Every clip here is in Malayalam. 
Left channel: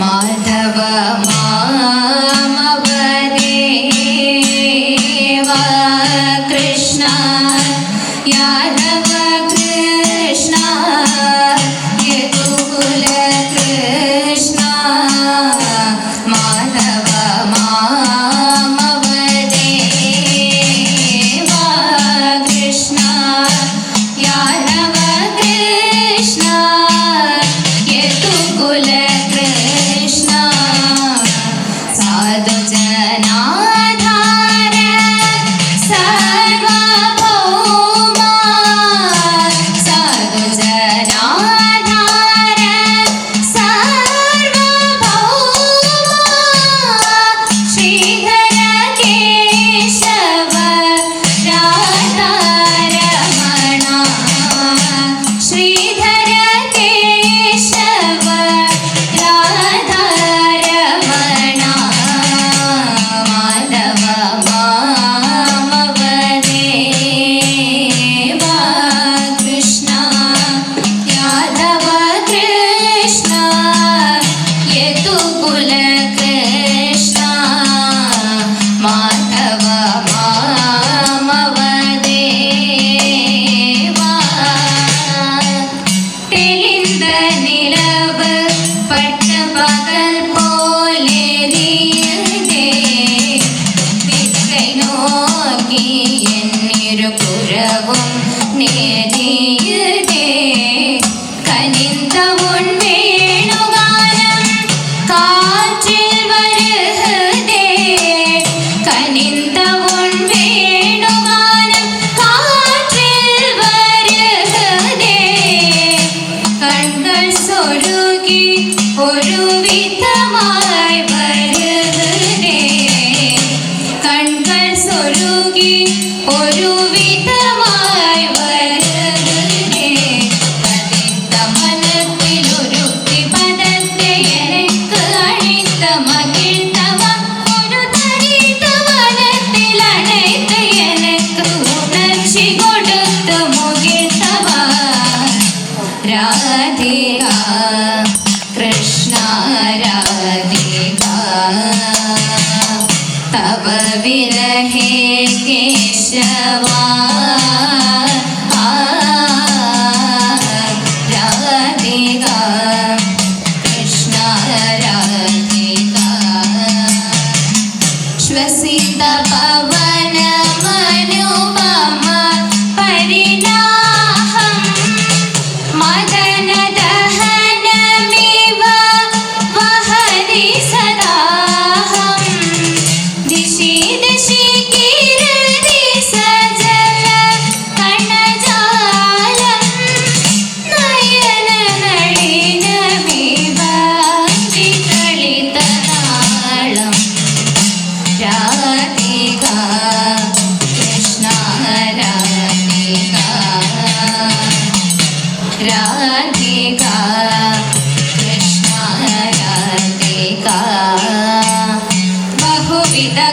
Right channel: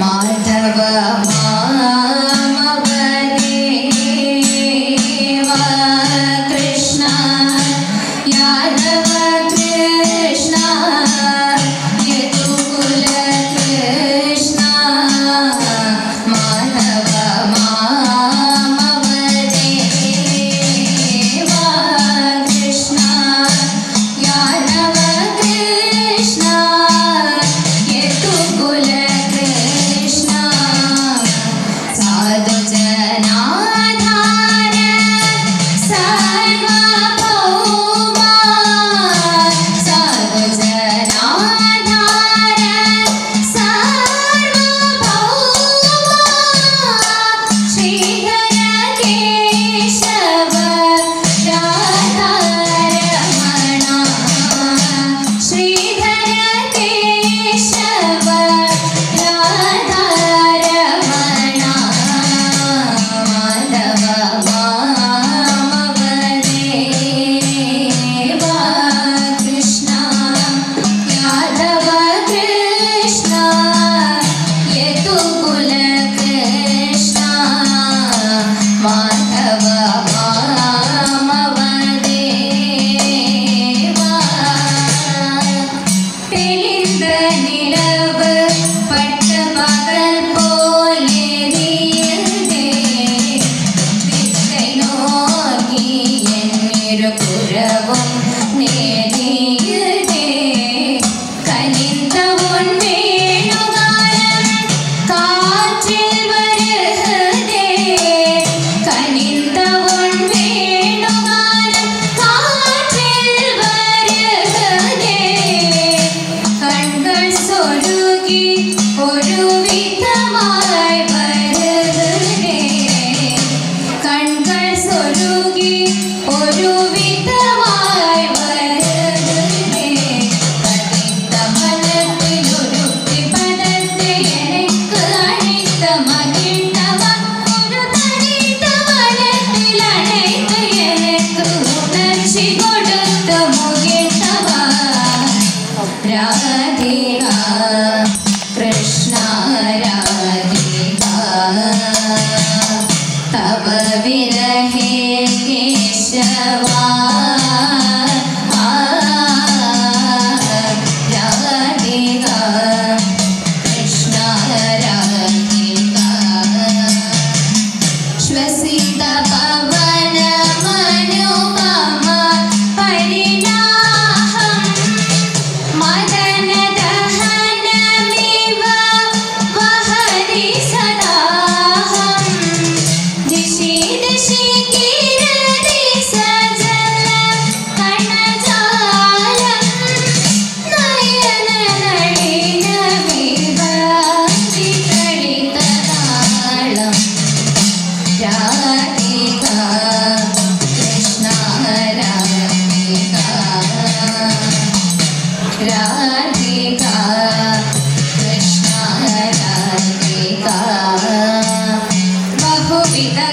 माधव मा சொருகி ஒருவி Sita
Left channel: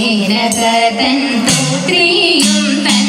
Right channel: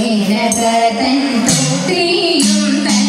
നിനകതൻ പുത്രിയും തൻ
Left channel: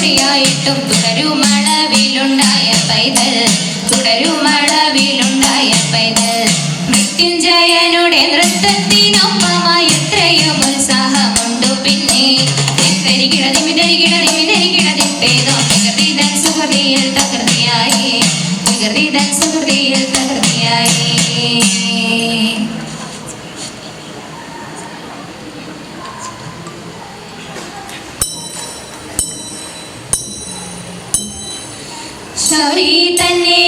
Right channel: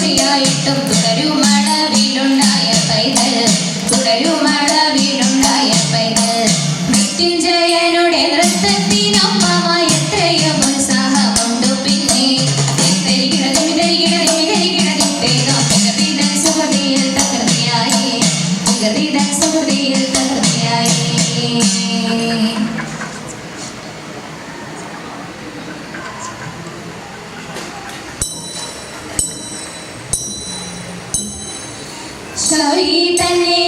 കോടിയായിട്ടും തുടരുമളവിലുണ്ടായ പൈതൽ തുടരുമളവിലുണ്ടായ പൈതൽ. മൃത്യുഞ്ജയനുടെ നൃത്തത്തിനൊപ്പമായി എത്രയോ ഉത്സാഹമുണ്ടു പിന്നെ. തെരികിടതും തെരികിടതും തെരികിടതും പേതം പ്രകൃതിദൻ സുഹൃതിയിൽ തകൃതിയായി പ്രകൃതിദൻ സുഹൃതിയിൽ തകൃതിയായി വഴി തന്നെ